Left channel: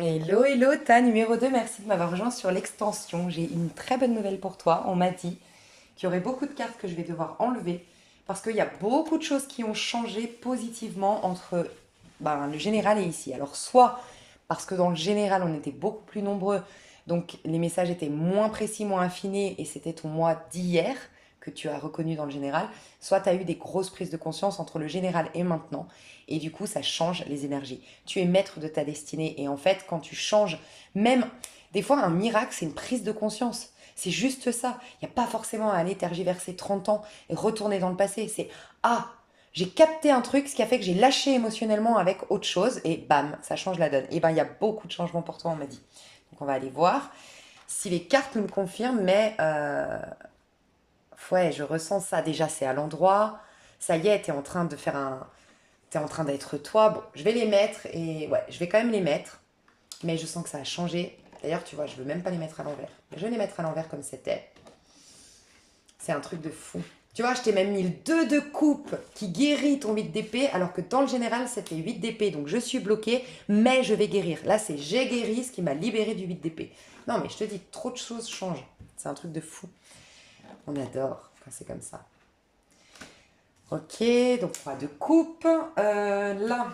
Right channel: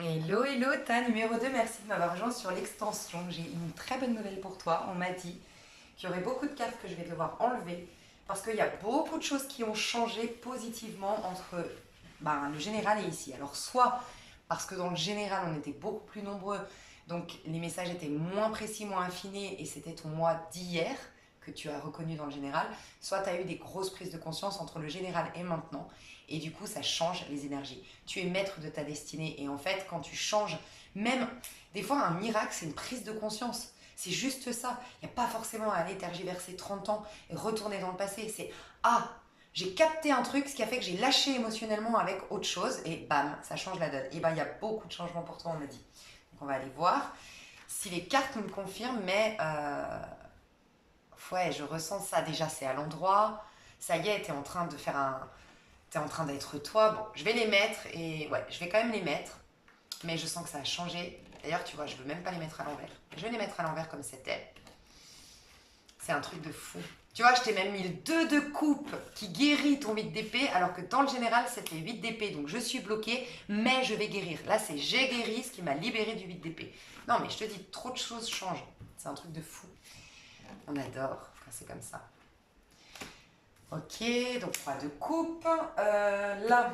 Hello, hello, ta numéro 2. Merci de m'avoir rejoint sur l'extension. J'ai une très bonne nouvelle pour toi. On m'a dit qu'il y aurait beaucoup de cartes que je vais devoir enlever parce qu'il y a beaucoup de choses qui ont changé positivement entre le général et ici. Alors, soit parce que dans le général, on était beaucoup plus nombreux, donc les messages étaient moins précis, moins affinés, et c'était ton moi d'hier que tu as reconnu dans le général, soit tu as eu des grosses prises de conscience entre le général et maintenant, et du coup, ça change les énergies. Tu es maître de ta destinée, et en fait, quand tu changes, même des fois, un miracle, c'est une prise de conscience. C'est juste ça. Il n'y a pas forcément à aller tergiverser 30 ans et retourner dans le passé. C'est ah, j'ai capté un truc, ce qui a fait que j'ai lâché émotionnellement avec autre chose, et bam, ça change la donne. Et ben, il y a beaucoup de changements pour toi, on m'a dit. Donc, on va aller voir si les cartes nous le confirment, mais ouais, je ressens ça. Déjà, c'est à l'endroit. Ça y est, t'es en train de faire un. T'es en train d'être toi. Bon, je vais les mettre, et ouais, je vais quand même les mettre, mais je sens que ça a changé. D'ailleurs, tu vois, je veux même pas les mettre à l'envers. Je vais les mettre à l'envers comme c'était. C'est un truc de fou. Tu vois, je t'ai même mis le 2 de coupe qui guérit ton 8 d'épée, alors que dans le général, c'était 8 d'épée. Donc je suis bloquée, mais je vais guérir. Là, c'est j'ai guéri, ce qui m'a libéré du 8 d'épée. Non, mais je te dis, trop de choses changent. C'est un truc de fou. On adore quand c'est comme ça. Ok, donc 3 de coupe. Là,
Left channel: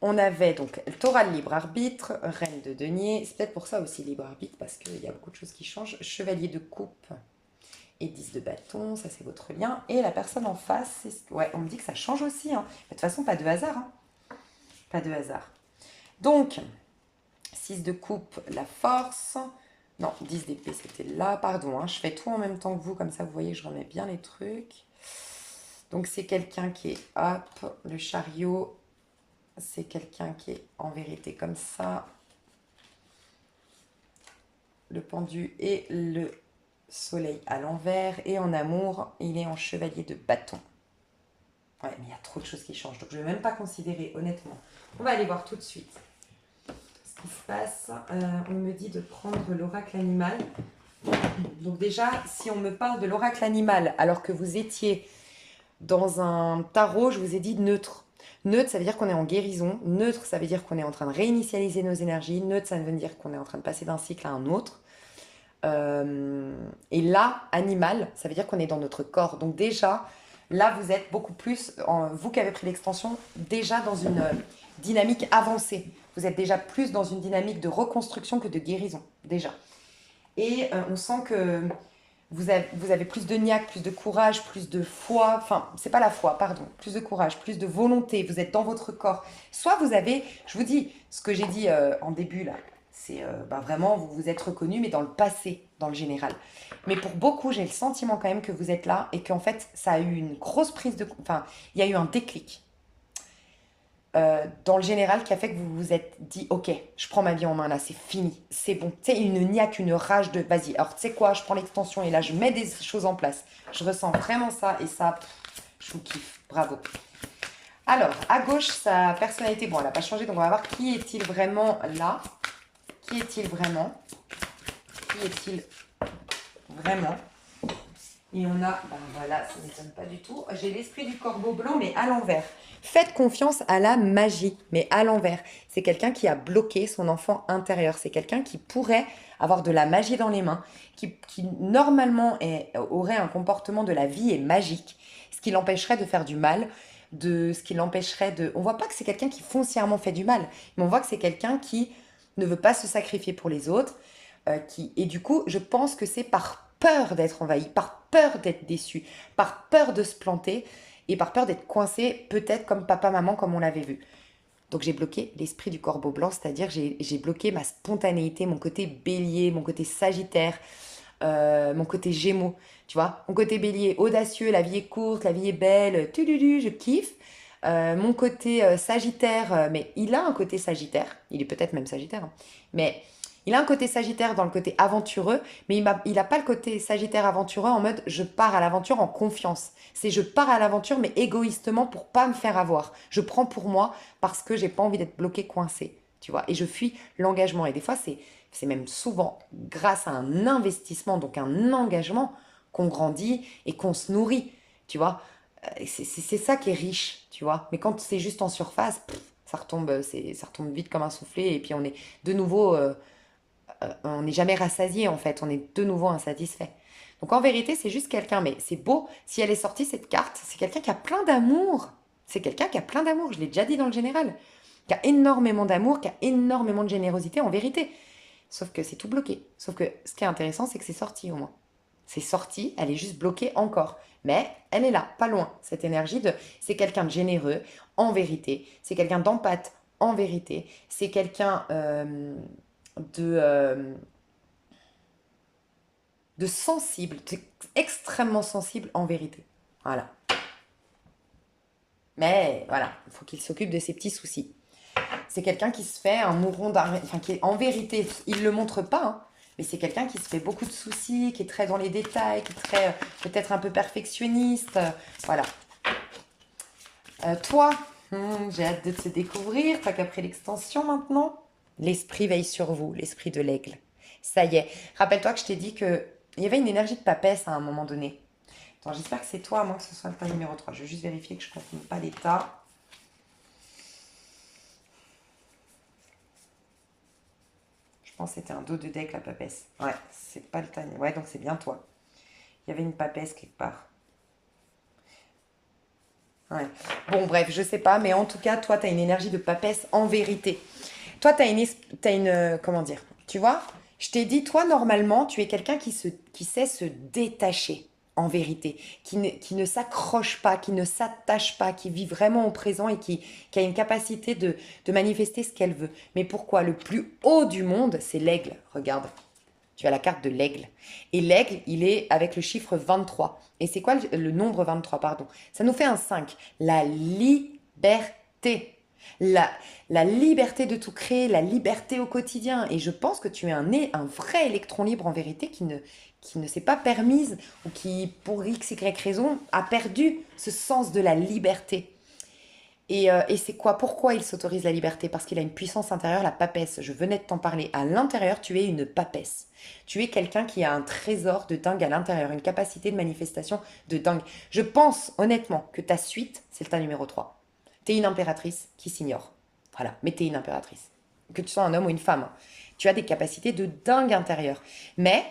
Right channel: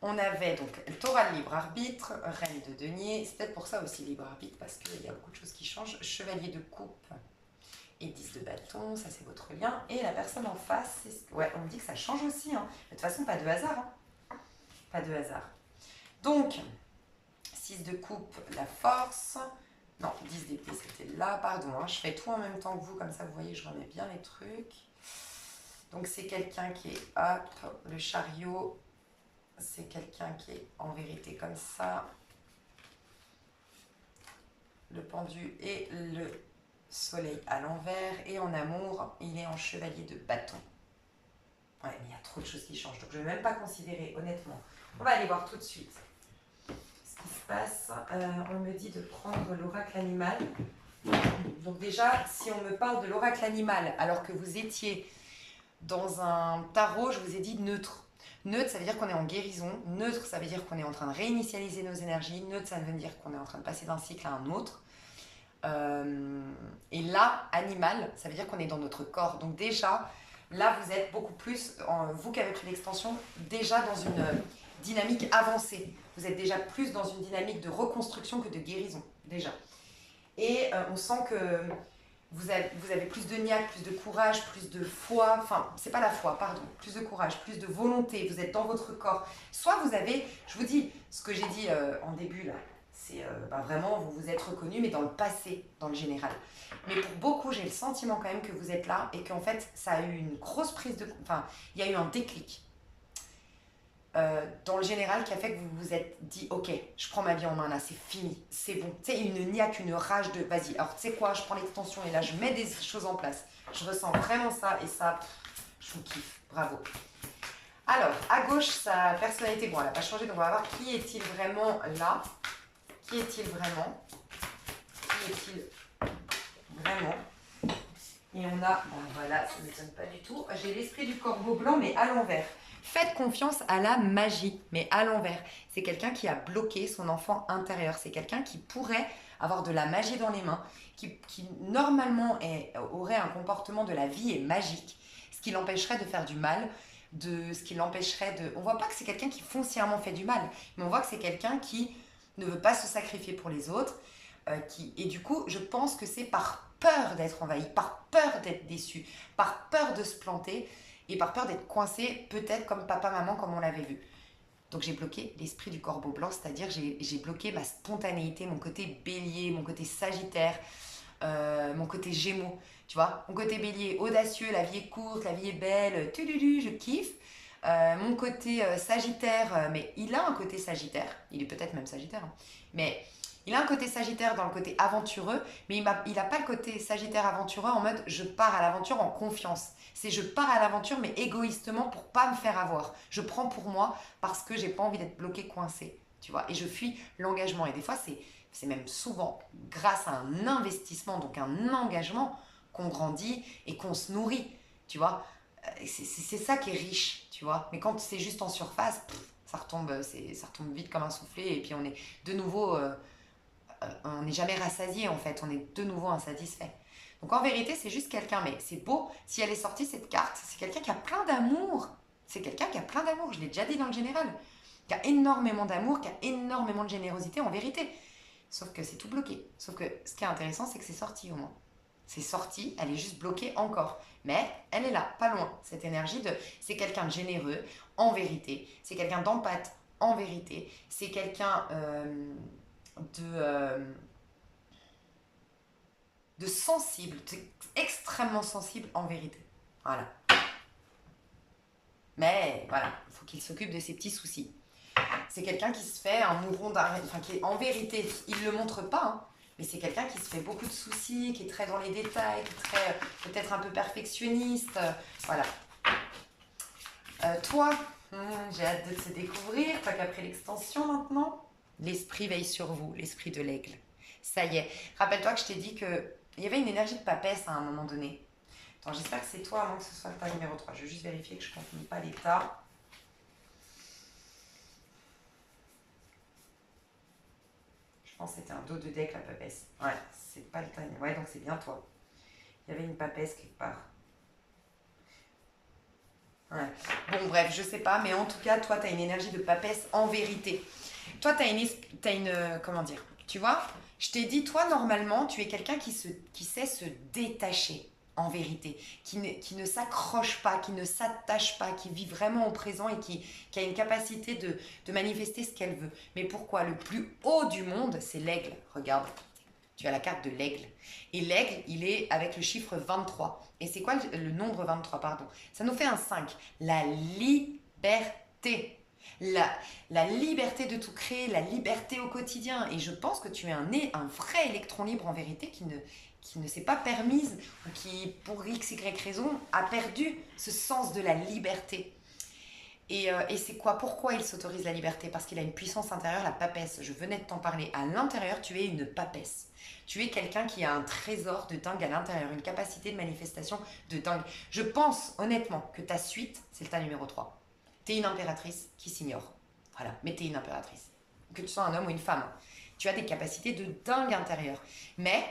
on avait donc Torah le libre arbitre, reine de denier. C'est peut-être pour ça aussi libre arbitre, parce qu'il y a beaucoup de choses qui changent. Chevalier de coupe et 10 de bâton, ça c'est votre lien. Et la personne en face, ouais, on me dit que ça change aussi, hein. De toute façon, pas de hasard, hein. Pas de hasard. Donc, 6 de coupe, la force. Non, 10 d'épée, c'était là, pardon, hein. Je fais tout en même temps que vous, comme ça vous voyez que je remets bien les trucs. Donc c'est quelqu'un qui est hop, le chariot, c'est quelqu'un qui est en vérité comme ça. Le pendu et le soleil à l'envers. Et en amour, il est en chevalier de bâton. Ouais, mais il y a trop de choses qui changent. Donc je ne vais même pas considérer, honnêtement. On va aller voir tout de suite ce qui se passe. On me dit de prendre l'oracle animal. Donc déjà, si on me parle de l'oracle animal alors que vous étiez dans un tarot, je vous ai dit neutre. Neutre, ça veut dire qu'on est en guérison. Neutre, ça veut dire qu'on est en train de réinitialiser nos énergies. Neutre, ça veut dire qu'on est en train de passer d'un cycle à un autre. Et là, animal, ça veut dire qu'on est dans notre corps. Donc déjà, là, vous êtes beaucoup plus, vous qui avez pris l'extension, déjà dans une dynamique avancée. Vous êtes déjà plus dans une dynamique de reconstruction que de guérison, déjà. Et on sent que vous avez plus de niaque, plus de courage, plus de foi. Enfin, c'est pas la foi, pardon. Plus de courage, plus de volonté. Vous êtes dans votre corps. Soit vous avez, je vous dis, ce que j'ai dit en début là, c'est vraiment, vous vous êtes reconnu, mais dans le passé, dans le général. Mais pour beaucoup, j'ai le sentiment quand même que vous êtes là et qu'en fait, ça a eu une grosse prise de. Enfin, il y a eu un déclic dans le général qui a fait que vous vous êtes dit ok, je prends ma vie en main là, c'est fini, c'est bon. Tu sais, une niaque, une rage de vas-y, alors tu sais quoi, je prends l'extension et là je mets des choses en place. Je ressens vraiment ça et ça, je vous kiffe, bravo. Alors, à gauche, sa personnalité, bon, elle n'a pas changé, donc on va voir qui est-il vraiment là. Qui est-il vraiment? Qui est-il vraiment? Et on a, bon voilà, ça ne m'étonne pas du tout. J'ai l'esprit du corbeau blanc, mais à l'envers. Faites confiance à la magie, mais à l'envers. C'est quelqu'un qui a bloqué son enfant intérieur. C'est quelqu'un qui pourrait avoir de la magie dans les mains, qui normalement aurait un comportement de la vie et magique, ce qui l'empêcherait de faire du mal, de ce qui l'empêcherait de. On voit pas que c'est quelqu'un qui foncièrement fait du mal, mais on voit que c'est quelqu'un qui ne veut pas se sacrifier pour les autres, et du coup, je pense que c'est par peur d'être envahi, par peur d'être déçu, par peur de se planter et par peur d'être coincé, peut-être comme papa-maman, comme on l'avait vu. Donc j'ai bloqué l'esprit du corbeau blanc, c'est-à-dire j'ai bloqué ma spontanéité, mon côté bélier, mon côté sagittaire, mon côté gémeaux, tu vois. Mon côté bélier, audacieux, la vie est courte, la vie est belle, tululu, je kiffe. Mon côté sagittaire, mais il a un côté sagittaire, il est peut-être même sagittaire, hein, mais il a un côté sagittaire dans le côté aventureux, mais il a pas le côté sagittaire aventureux en mode je pars à l'aventure en confiance. C'est je pars à l'aventure mais égoïstement pour pas me faire avoir. Je prends pour moi parce que j'ai pas envie d'être bloqué, coincé, tu vois. Et je fuis l'engagement. Et des fois, c'est même souvent grâce à un investissement, donc un engagement, qu'on grandit et qu'on se nourrit, tu vois. C'est ça qui est riche, tu vois. Mais quand c'est juste en surface, ça retombe vite comme un soufflé et puis on est de nouveau, on n'est jamais rassasié en fait, on est de nouveau insatisfait. Donc en vérité, c'est juste quelqu'un, mais c'est beau, si elle est sortie cette carte, c'est quelqu'un qui a plein d'amour. C'est quelqu'un qui a plein d'amour, je l'ai déjà dit dans le général, qui a énormément d'amour, qui a énormément de générosité en vérité. Sauf que c'est tout bloqué. Sauf que ce qui est intéressant, c'est que c'est sorti au moins. C'est sorti, elle est juste bloquée encore. Mais elle est là, pas loin. Cette énergie de... C'est quelqu'un de généreux, en vérité. C'est quelqu'un d'empathe, en vérité. C'est quelqu'un de, euh, de sensible, extrêmement sensible, en vérité. Voilà. Mais voilà, il faut qu'il s'occupe de ses petits soucis. C'est quelqu'un qui se fait un mouron d'argent, enfin qui est en vérité, il ne le montre pas, hein, mais c'est quelqu'un qui se fait beaucoup de soucis, qui est très dans les détails, qui est très peut-être un peu perfectionniste. Voilà. Toi, j'ai hâte de te découvrir, pas qu'après l'extension maintenant. L'esprit veille sur vous, l'esprit de l'aigle. Ça y est. Rappelle-toi que je t'ai dit que il y avait une énergie de papesse à un moment donné. Attends, j'espère que c'est toi, à moins que ce soit le tas numéro 3. Je vais juste vérifier que je ne confonde pas l'état. Je pense que c'était un dos de deck, la papesse. Ouais, c'est pas le tas. Ouais, donc c'est bien toi. Il y avait une papesse quelque part. Ouais. Bon, bref, je sais pas, mais en tout cas, toi, tu as une énergie de papesse en vérité. Toi, tu as comment dire? Tu vois, je t'ai dit, toi, normalement, tu es quelqu'un qui sait se détacher, en vérité, qui ne s'accroche pas, qui ne s'attache pas, qui vit vraiment au présent et qui a une capacité de manifester ce qu'elle veut. Mais pourquoi? Le plus haut du monde, c'est l'aigle. Regarde, tu as la carte de l'aigle. Et l'aigle, il est avec le chiffre 23. Et c'est quoi le nombre 23, pardon? Ça nous fait un 5. La liberté. La, la liberté de tout créer, la liberté au quotidien. Et je pense que tu es un vrai électron libre en vérité qui ne s'est pas permise ou qui, pour x, y raison, a perdu ce sens de la liberté. Et c'est quoi? Pourquoi il s'autorise la liberté? Parce qu'il a une puissance intérieure, la papesse. Je venais de t'en parler. À l'intérieur, tu es une papesse. Tu es quelqu'un qui a un trésor de dingue à l'intérieur, une capacité de manifestation de dingue. Je pense honnêtement que ta suite, c'est le tas numéro 3. Tu es une impératrice qui s'ignore. Voilà, mais tu es une impératrice. Que tu sois un homme ou une femme. Tu as des capacités de dingue intérieure. Mais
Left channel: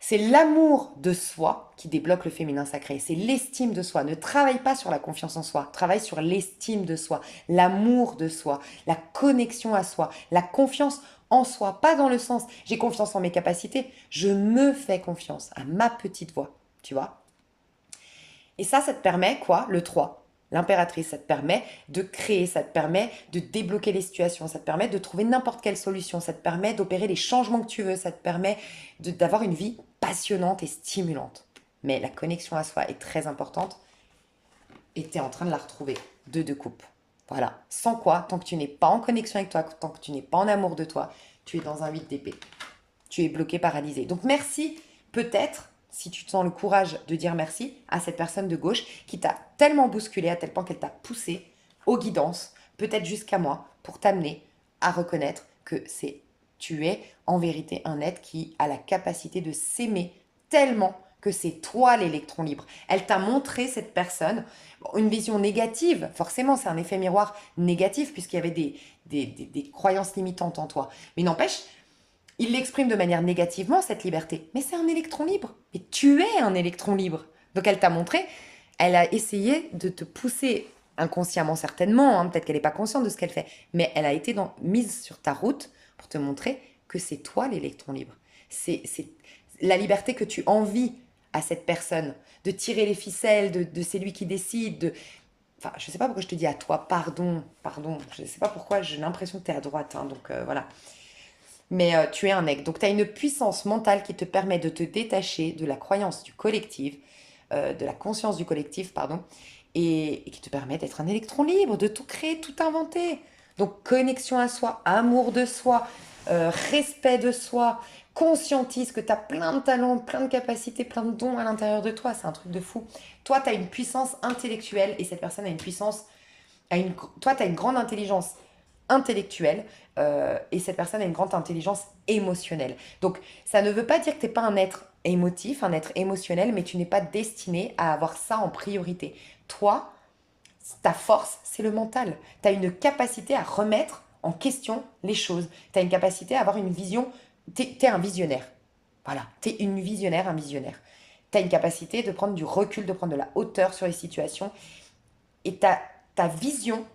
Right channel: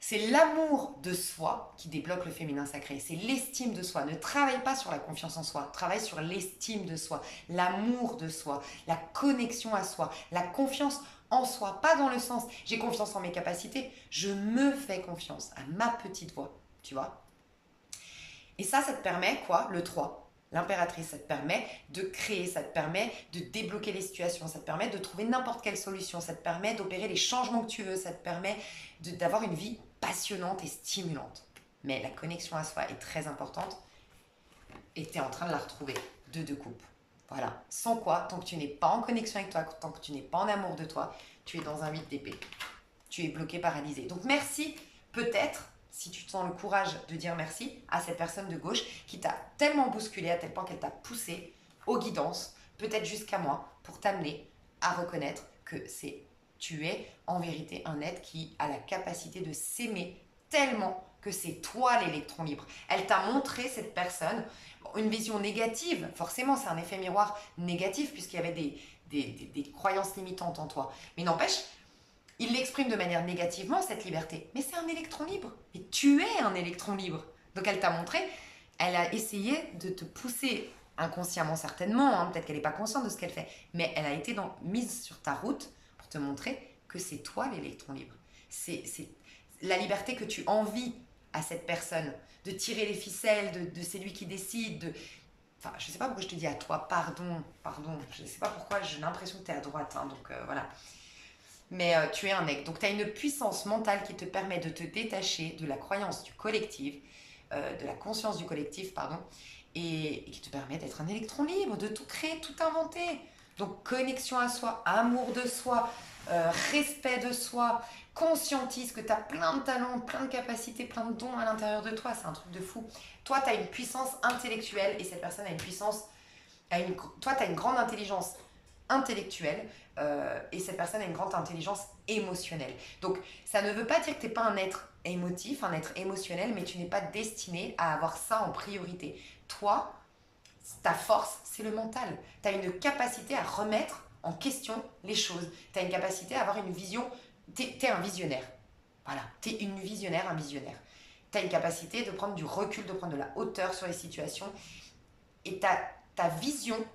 c'est l'amour de soi qui débloque le féminin sacré. C'est l'estime de soi. Ne travaille pas sur la confiance en soi. Travaille sur l'estime de soi, l'amour de soi, la connexion à soi, la confiance en soi. Pas dans le sens j'ai confiance en mes capacités. Je me fais confiance à ma petite voix. Tu vois? Et ça te permet quoi? Le 3, l'impératrice, ça te permet de créer, ça te permet de débloquer les situations, ça te permet de trouver n'importe quelle solution, ça te permet d'opérer les changements que tu veux, ça te permet d'avoir une vie passionnante et stimulante. Mais la connexion à soi est très importante et tu es en train de la retrouver. Deux coupes. Voilà. Sans quoi, tant que tu n'es pas en connexion avec toi, tant que tu n'es pas en amour de toi, tu es dans un vide d'épée. Tu es bloqué, paralysé. Donc merci, peut-être, si tu te sens le courage de dire merci à cette personne de gauche qui t'a tellement bousculé à tel point qu'elle t'a poussé aux guidances, peut-être jusqu'à moi, pour t'amener à reconnaître que tu es en vérité un être qui a la capacité de s'aimer tellement que c'est toi l'électron libre. Elle t'a montré, cette personne, une vision négative. Forcément, c'est un effet miroir négatif puisqu'il y avait des croyances limitantes en toi. Mais n'empêche, il l'exprime de manière négativement, cette liberté. Mais c'est un électron libre. Et tu es un électron libre. Donc elle t'a montré, elle a essayé de te pousser inconsciemment certainement, hein, peut-être qu'elle n'est pas consciente de ce qu'elle fait, mais elle a été mise sur ta route pour te montrer que c'est toi l'électron libre. C'est la liberté que tu envies à cette personne, de tirer les ficelles, de c'est lui qui décide, Enfin, je ne sais pas pourquoi je te dis à toi, pardon, je ne sais pas pourquoi, j'ai l'impression que tu es à droite, hein, donc voilà. Mais tu es un aigle. Donc tu as une puissance mentale qui te permet de te détacher de la croyance du collectif, de la conscience du collectif, pardon, et qui te permet d'être un électron libre, de tout créer, tout inventer. Donc connexion à soi, amour de soi, respect de soi, conscientise que tu as plein de talents, plein de capacités, plein de dons à l'intérieur de toi. C'est un truc de fou. Toi, tu as une puissance intellectuelle et cette personne a une puissance... toi, tu as une grande intelligence intellectuelle et cette personne a une grande intelligence émotionnelle. Donc, ça ne veut pas dire que tu n'es pas un être émotif, un être émotionnel, mais tu n'es pas destiné à avoir ça en priorité. Toi, Ta force, c'est le mental. Tu as une capacité à remettre en question les choses. Tu as une capacité à avoir une vision. Tu es un visionnaire. Voilà, tu es une visionnaire, un visionnaire. Tu as une capacité de prendre du recul, de prendre de la hauteur sur les situations. Et ta vision,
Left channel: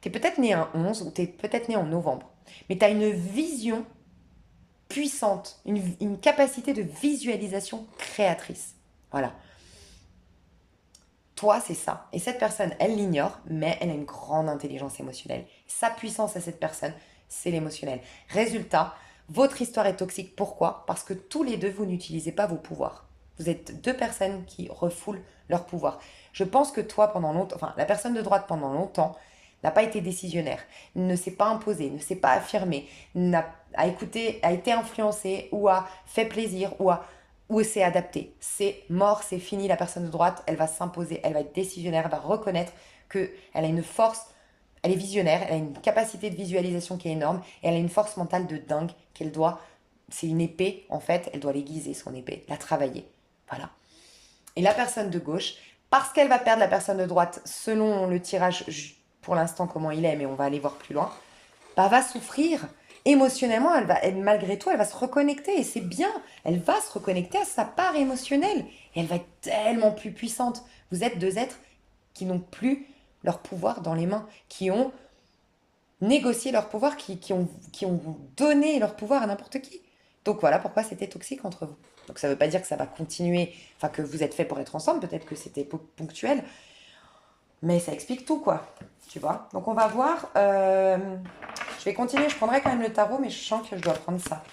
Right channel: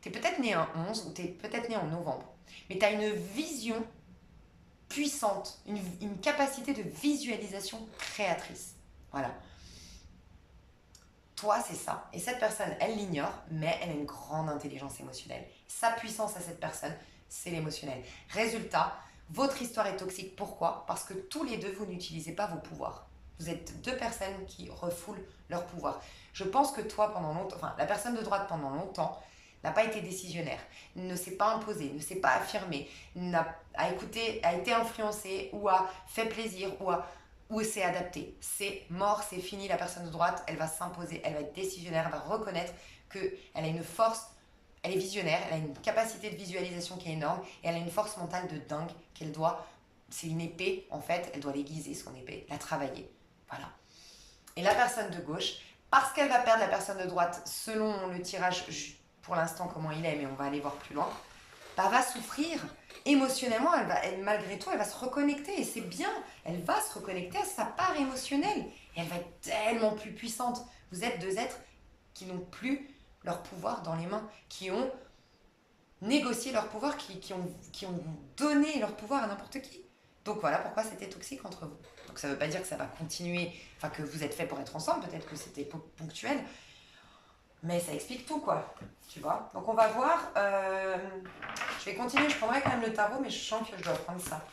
tu es peut-être né un 11 ou tu es peut-être né en novembre, mais tu as une vision puissante, une capacité de visualisation créatrice. Voilà. Toi, c'est ça. Et cette personne, elle l'ignore, mais elle a une grande intelligence émotionnelle. Sa puissance à cette personne, c'est l'émotionnel. Résultat, votre histoire est toxique. Pourquoi? Parce que tous les deux, vous n'utilisez pas vos pouvoirs. Vous êtes deux personnes qui refoulent leur pouvoir. Je pense que toi, pendant longtemps, enfin, la personne de droite pendant longtemps, n'a pas été décisionnaire, ne s'est pas imposée, ne s'est pas affirmée, a écouté, a été influencée ou a fait plaisir ou s'est adaptée. C'est mort, c'est fini, la personne de droite, elle va s'imposer, elle va être décisionnaire, elle va reconnaître qu'elle a une force, elle est visionnaire, elle a une capacité de visualisation qui est énorme et elle a une force mentale de dingue qu'elle doit, c'est une épée en fait, elle doit l'aiguiser son épée, la travailler. Voilà. Et la personne de gauche, parce qu'elle va perdre la personne de droite selon le tirage pour l'instant comment il est, mais on va aller voir plus loin, bah, va souffrir. Émotionnellement, malgré tout, elle va se reconnecter et c'est bien. Elle va se reconnecter à sa part émotionnelle et elle va être tellement plus puissante. Vous êtes deux êtres qui n'ont plus leur pouvoir dans les mains, qui ont négocié leur pouvoir, qui ont donné leur pouvoir à n'importe qui. Donc voilà pourquoi c'était toxique entre vous. Donc ça ne veut pas dire que ça va continuer, enfin que vous êtes fait pour être ensemble, peut-être que c'était ponctuel, mais ça explique tout, quoi. Tu vois. Donc on va voir. Je vais continuer, je prendrai quand même le tarot, mais je sens que je dois prendre ça.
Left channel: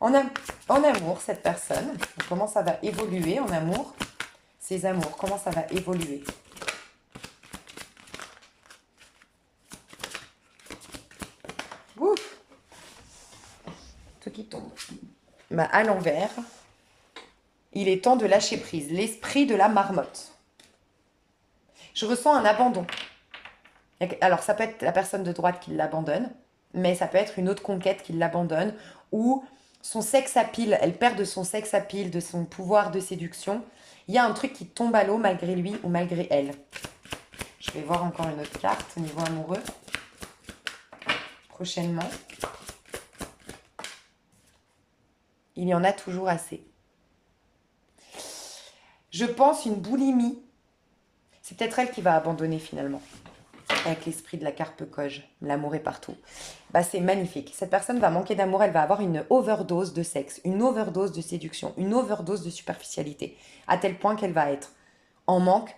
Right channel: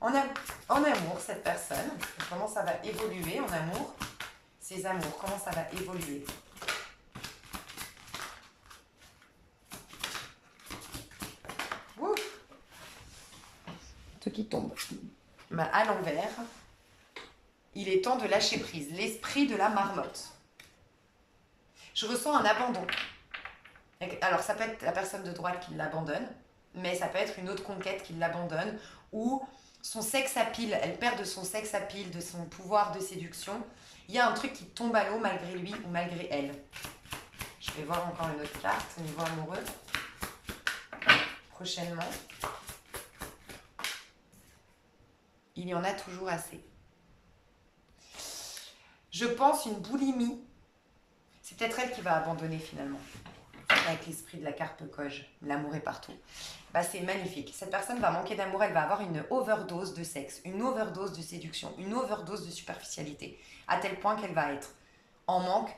En amour, cette personne, comment ça va évoluer en amour? Ses amours, comment ça va évoluer? Ouf. Tout qui tombe. Bah, à l'envers, il est temps de lâcher prise. L'esprit de la marmotte. Je ressens un abandon. Alors, ça peut être la personne de droite qui l'abandonne, mais ça peut être une autre conquête qui l'abandonne, ou son sexe à pile, elle perd de son sexe à pile, de son pouvoir de séduction. Il y a un truc qui tombe à l'eau malgré lui ou malgré elle. Je vais voir encore une autre carte au niveau amoureux. Prochainement. Il y en a toujours assez. Je pense une boulimie. C'est peut-être elle qui va abandonner finalement. Avec l'esprit de la carpe coge. L'amour est partout. Bah, c'est magnifique. Cette personne va manquer d'amour, elle va avoir une overdose de sexe, une overdose de séduction, une overdose de superficialité, à tel point qu'elle va être en manque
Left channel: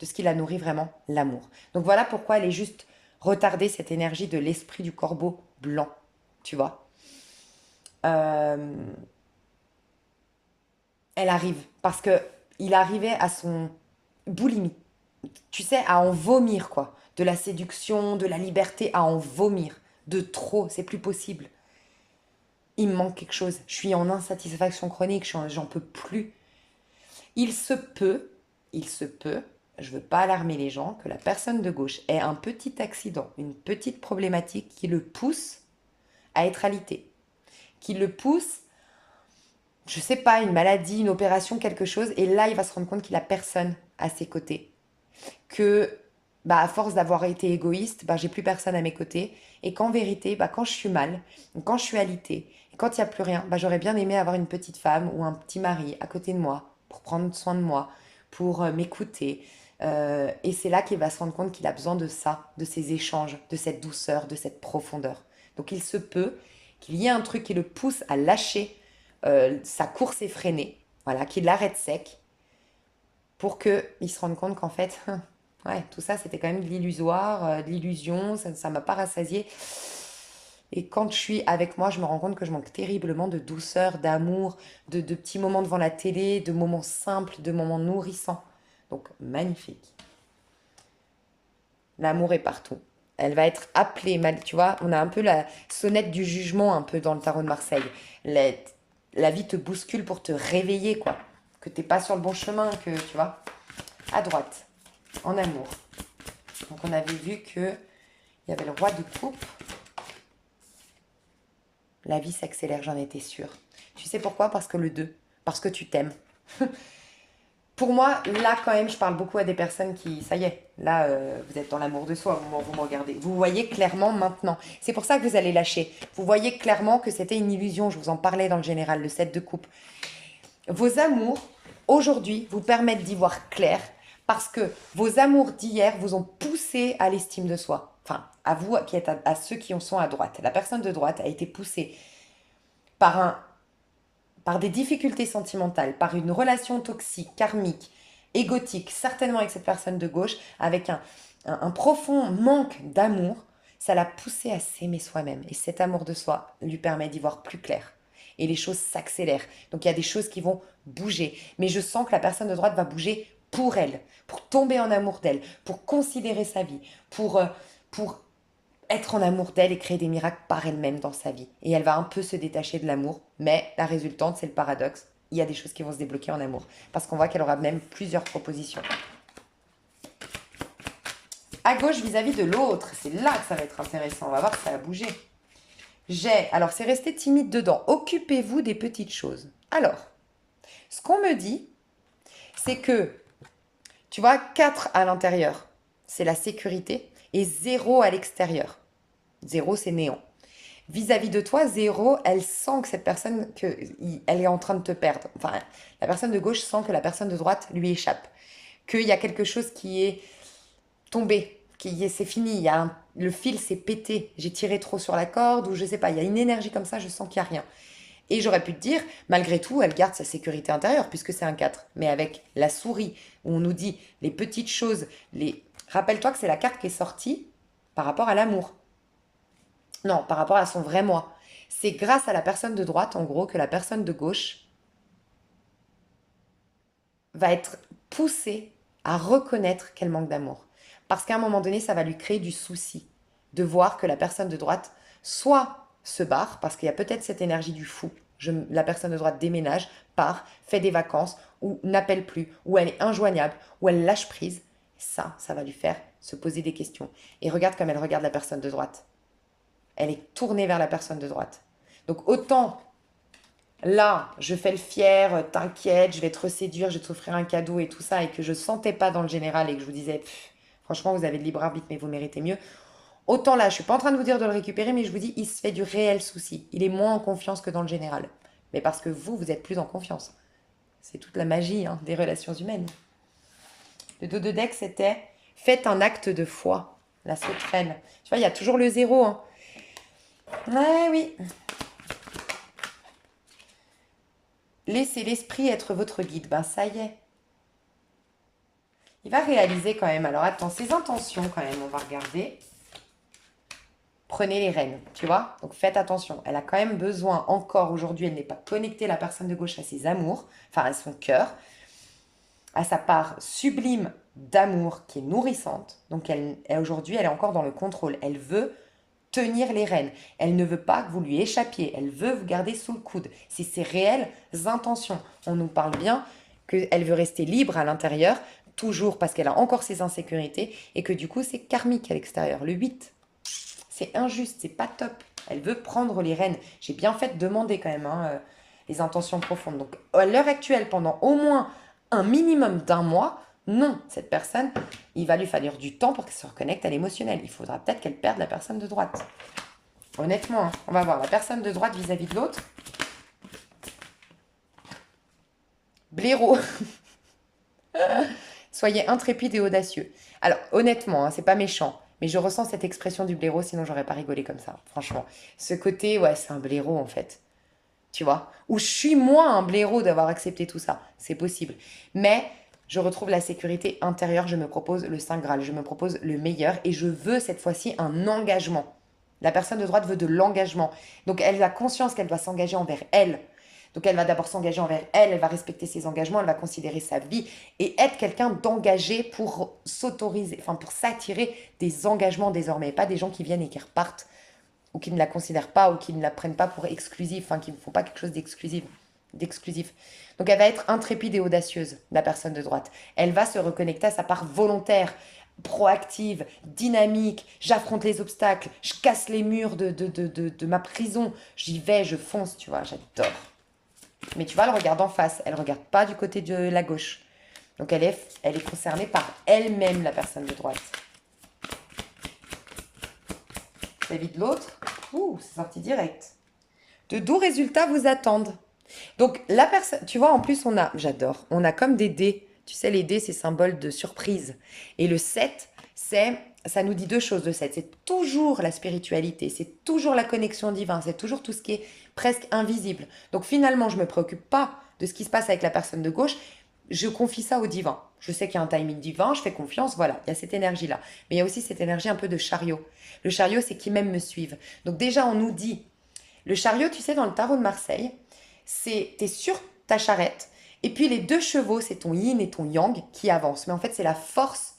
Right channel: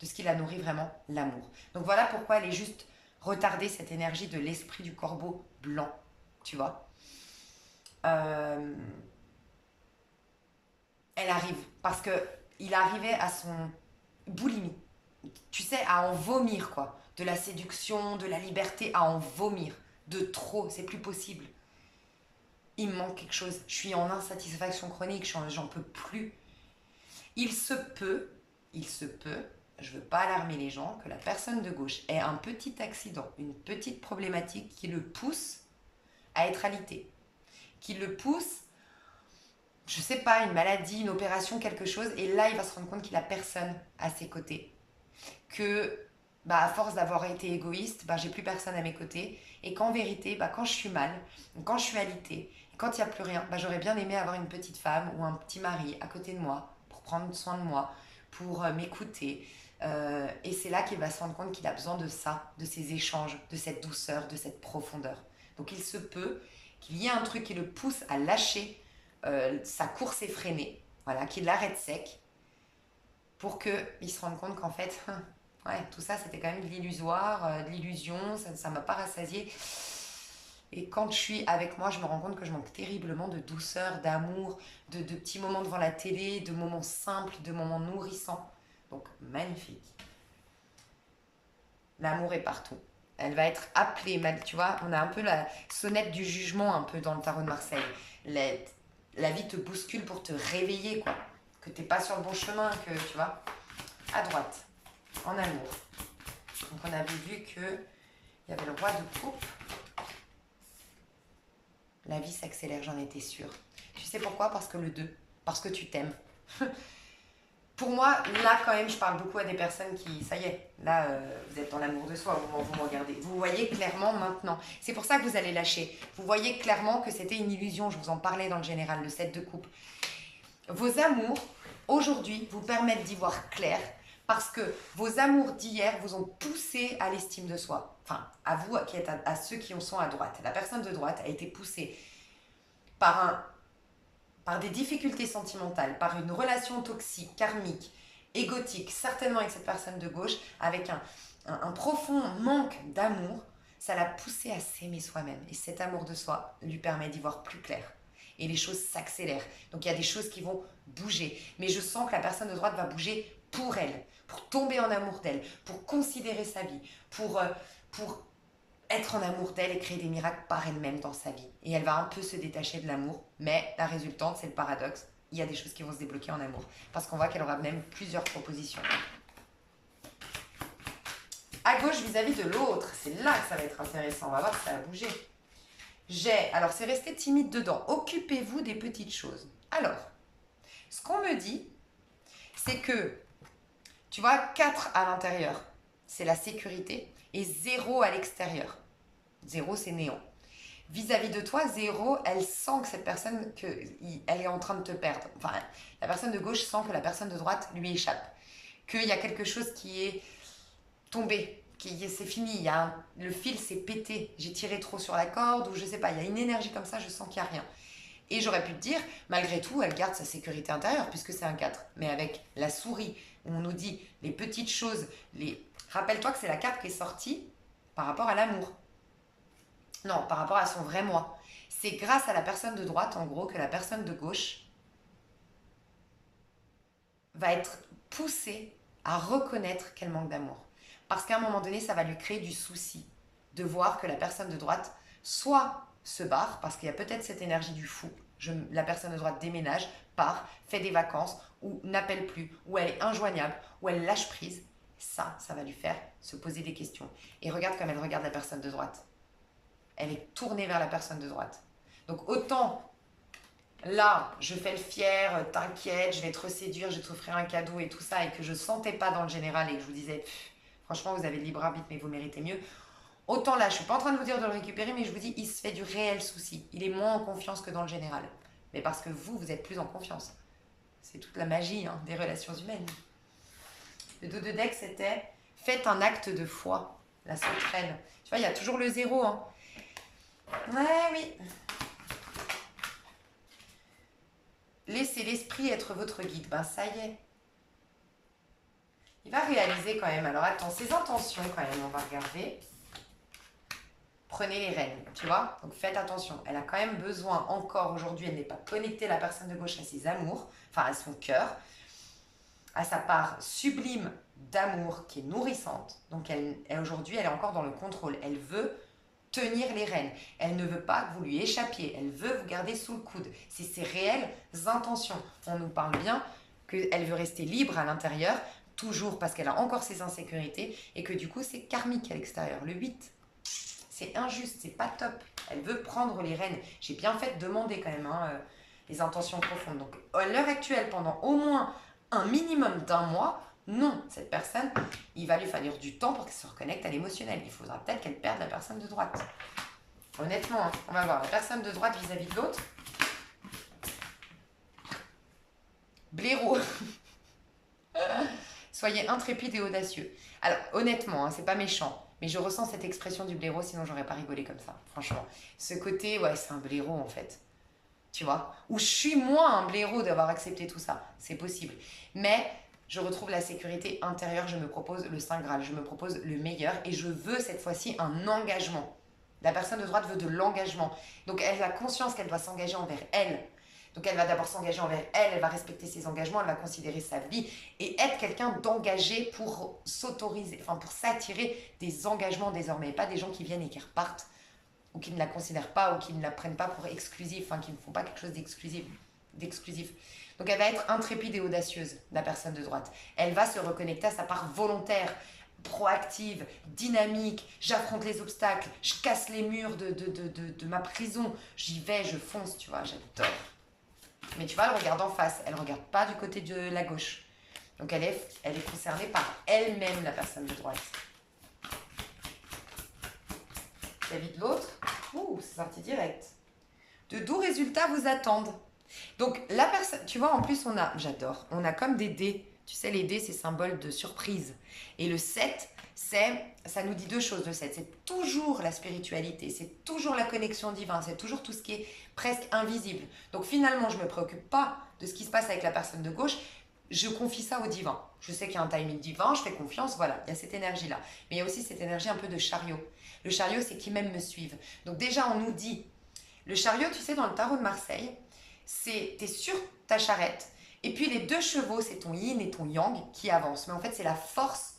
de ce qui la nourrit vraiment, l'amour. Donc voilà pourquoi elle est juste retardée, cette énergie de l'esprit du corbeau blanc, tu vois. Elle arrive, parce que il arrivait à son boulimie, tu sais, à en vomir, quoi. De la séduction, de la liberté, à en vomir. De trop, c'est plus possible. Il me manque quelque chose. Je suis en insatisfaction chronique, j'en peux plus. Il se peut, il se peut, je veux pas alarmer les gens, que la personne de gauche ait un petit accident, une petite problématique qui le pousse à être alité. Qui le pousse, je sais pas, une maladie, une opération, quelque chose, et là il va se rendre compte qu'il a personne à ses côtés. Que bah, à force d'avoir été égoïste, bah, j'ai plus personne à mes côtés. Et qu'en vérité, bah, quand je suis mal, quand je suis alitée, et quand il n'y a plus rien, bah, j'aurais bien aimé avoir une petite femme ou un petit mari à côté de moi pour prendre soin de moi, pour m'écouter. Et c'est là qu'il va se rendre compte qu'il a besoin de ça, de ces échanges, de cette douceur, de cette profondeur. Donc il se peut qu'il y ait un truc qui le pousse à lâcher sa course effrénée, voilà, qu'il l'arrête sec pour qu'il se rende compte qu'en fait, ouais, tout ça, c'était quand même de l'illusoire, de l'illusion, ça ne m'a pas rassasié. Et quand je suis avec moi, je me rends compte que je manque terriblement de douceur, d'amour, de petits moments devant la télé, de moments simples, de moments nourrissants. Donc, magnifique. L'amour est partout. Elle va être appelée, tu vois, on a un peu la sonnette du jugement un peu dans le tarot de Marseille. La, la vie te bouscule pour te réveiller, quoi. Que t'es pas sur le bon chemin, que, tu vois. À droite, en amour. Donc on avait vu que il y avait le roi de coupe. La vie s'accélère, j'en étais sûre. Tu sais pourquoi? Parce que le 2. Parce que tu t'aimes. Pour moi, là, quand même, je parle beaucoup à des personnes qui, ça y est, là, vous êtes dans l'amour de soi au moment où vous me regardez. Vous voyez clairement maintenant. C'est pour ça que vous allez lâcher. Vous voyez clairement que c'était une illusion. Je vous en parlais dans le général, le 7 de coupe. Vos amours, aujourd'hui, vous permettent d'y voir clair parce que vos amours d'hier vous ont poussé à l'estime de soi. Enfin, à vous, qui êtes à ceux qui en sont à droite. La personne de droite a été poussée par par des difficultés sentimentales, par une relation toxique, karmique, égotique, certainement avec cette personne de gauche, avec un profond manque d'amour, ça l'a poussé à s'aimer soi-même. Et cet amour de soi lui permet d'y voir plus clair. Et les choses s'accélèrent. Donc il y a des choses qui vont bouger. Mais je sens que la personne de droite va bouger pour elle, pour tomber en amour d'elle, pour considérer sa vie, pour être en amour d'elle et créer des miracles par elle-même dans sa vie. Et elle va un peu se détacher de l'amour, mais la résultante, c'est le paradoxe. Il y a des choses qui vont se débloquer en amour. Parce qu'on voit qu'elle aura même plusieurs propositions. À gauche vis-à-vis de l'autre, c'est là que ça va être intéressant. On va voir que ça va bouger. Alors c'est resté timide dedans. Occupez-vous des petites choses. Alors, ce qu'on me dit, c'est que, tu vois, 4 à l'intérieur, c'est la sécurité, et 0 à l'extérieur. 0, c'est néant. Vis-à-vis de toi, 0, elle sent que cette personne, elle est en train de te perdre. Enfin, la personne de gauche sent que la personne de droite lui échappe. Qu'il y a quelque chose qui est tombé, c'est fini, le fil s'est pété, j'ai tiré trop sur la corde, ou je sais pas, il y a une énergie comme ça, je sens qu'il n'y a rien. Et j'aurais pu te dire, malgré tout, elle garde sa sécurité intérieure, puisque c'est un 4. Mais avec la souris, où on nous dit les petites choses, rappelle-toi que c'est la carte qui est sortie par rapport à l'amour. Non, par rapport à son vrai moi. C'est grâce à la personne de droite, en gros, que la personne de gauche va être poussée à reconnaître qu'elle manque d'amour. Parce qu'à un moment donné, ça va lui créer du souci de voir que la personne de droite soit se barre, parce qu'il y a peut-être cette énergie du fou. La personne de droite déménage, part, fait des vacances, ou n'appelle plus, ou elle est injoignable, ou elle lâche prise. Ça va lui faire se poser des questions. Et regarde comme elle regarde la personne de droite. Elle est tournée vers la personne de droite. Donc autant là, je fais le fier, t'inquiète, je vais te reséduire, je vais t'offrir un cadeau et tout ça, et que je sentais pas dans le général et que je vous disais, franchement, vous avez le libre arbitre, mais vous méritez mieux. Autant là, je suis pas en train de vous dire de le récupérer, mais je vous dis, il se fait du réel souci. Il est moins en confiance que dans le général. Mais parce que vous êtes plus en confiance. C'est toute la magie des relations humaines. Le dos de deck, c'était faites un acte de foi. La sauterelle. Tu vois, il y a toujours le 0. Ouais, oui. Laissez l'esprit être votre guide. Ben, ça y est. Il va réaliser quand même. Alors, attends, ses intentions quand même, on va regarder. Prenez les rênes, tu vois. Donc, faites attention. Elle a quand même besoin, encore aujourd'hui, elle n'est pas connectée, la personne de gauche, à ses amours, enfin, à son cœur, à sa part sublime d'amour qui est nourrissante. Donc, aujourd'hui, elle est encore dans le contrôle. Elle veut tenir les rênes. Elle ne veut pas que vous lui échappiez. Elle veut vous garder sous le coude. C'est ses réelles intentions. On nous parle bien qu'elle veut rester libre à l'intérieur, toujours parce qu'elle a encore ses insécurités, et que du coup, c'est karmique à l'extérieur. Le 8, c'est injuste, c'est pas top. Elle veut prendre les rênes. J'ai bien fait de demander quand même les intentions profondes. Donc, à l'heure actuelle, pendant au moins un minimum d'un mois, non, cette personne, il va lui falloir du temps pour qu'elle se reconnecte à l'émotionnel. Il faudra peut-être qu'elle perde la personne de droite. Honnêtement, on va voir la personne de droite vis-à-vis de l'autre. Blaireau. Soyez intrépide et audacieux. Alors, honnêtement, c'est pas méchant, mais je ressens cette expression du blaireau, sinon j'aurais pas rigolé comme ça, franchement. Ce côté, ouais, c'est un blaireau en fait. Tu vois? Ou je suis moi un blaireau d'avoir accepté tout ça. C'est possible. Mais je retrouve la sécurité intérieure, je me propose le Saint Graal, je me propose le meilleur et je veux cette fois-ci un engagement. La personne de droite veut de l'engagement. Donc elle a conscience qu'elle doit s'engager envers elle. Donc elle va d'abord s'engager envers elle, elle va respecter ses engagements, elle va considérer sa vie et être quelqu'un d'engagé pour s'autoriser, enfin pour s'attirer des engagements désormais, pas des gens qui viennent et qui repartent ou qui ne la considèrent pas ou qui ne la prennent pas pour exclusive, enfin qui ne font pas quelque chose d'exclusif. Donc elle va être intrépide et audacieuse, la personne de droite. Elle va se reconnecter à sa part volontaire, proactive, dynamique. J'affronte les obstacles, je casse les murs de ma prison. J'y vais, je fonce, tu vois, j'adore. Mais tu vois, elle regarde en face, elle ne regarde pas du côté de la gauche. Donc, elle est concernée par elle-même, la personne de droite. Vis-à-vis de l'autre, c'est sorti direct. De doux résultats vous attendent. Donc, la personne, tu vois, en plus, j'adore, on a comme des dés. Tu sais, les dés, c'est symbole de surprise. Et le 7, ça nous dit deux choses, le 7. C'est toujours la spiritualité, c'est toujours la connexion divine, c'est toujours tout ce qui est presque invisible. Donc, finalement, je ne me préoccupe pas de ce qui se passe avec la personne de gauche. Je confie ça au divin. Je sais qu'il y a un timing divin, je fais confiance, voilà, il y a cette énergie-là. Mais il y a aussi cette énergie un peu de chariot. Le chariot, c'est qui même me suivent. Donc déjà, on nous dit, le chariot, tu sais, dans le tarot de Marseille, t'es sur ta charrette, et puis les deux chevaux, c'est ton yin et ton yang qui avancent. Mais en fait, c'est la force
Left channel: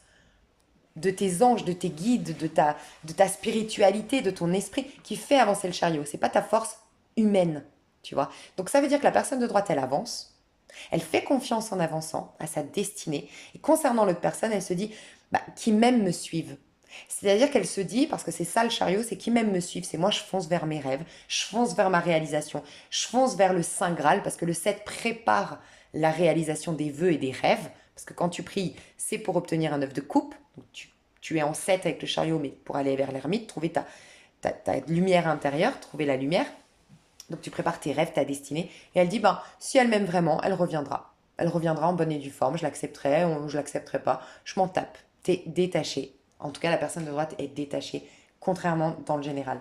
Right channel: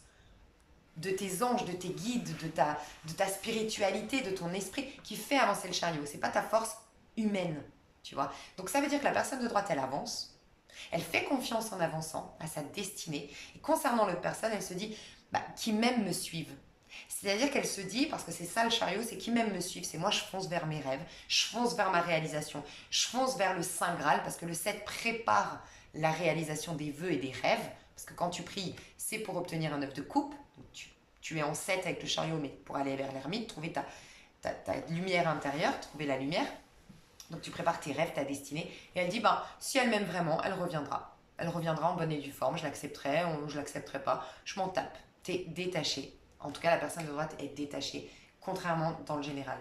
de tes anges, de tes guides, de ta spiritualité, de ton esprit qui fait avancer le chariot. C'est pas ta force humaine, tu vois. Donc ça veut dire que la personne de droite, elle avance, elle fait confiance en avançant à sa destinée. Et concernant l'autre personne, elle se dit, qui même me suivent. C'est-à-dire qu'elle se dit, parce que c'est ça le chariot, c'est qui même me suivent, c'est moi je fonce vers mes rêves, je fonce vers ma réalisation, je fonce vers le Saint Graal, parce que le 7 prépare la réalisation des vœux et des rêves, parce que quand tu pries, c'est pour obtenir un œuf de coupe, donc tu es en 7 avec le chariot, mais pour aller vers l'ermite, trouver ta lumière intérieure, trouver la lumière, donc tu prépares tes rêves, ta destinée, et elle dit, si elle m'aime vraiment, elle reviendra. Elle reviendra en bonne et due forme, je l'accepterai ou je l'accepterai pas, je m'en tape. T'es détaché. En tout cas, la personne de droite est détachée, contrairement dans le général.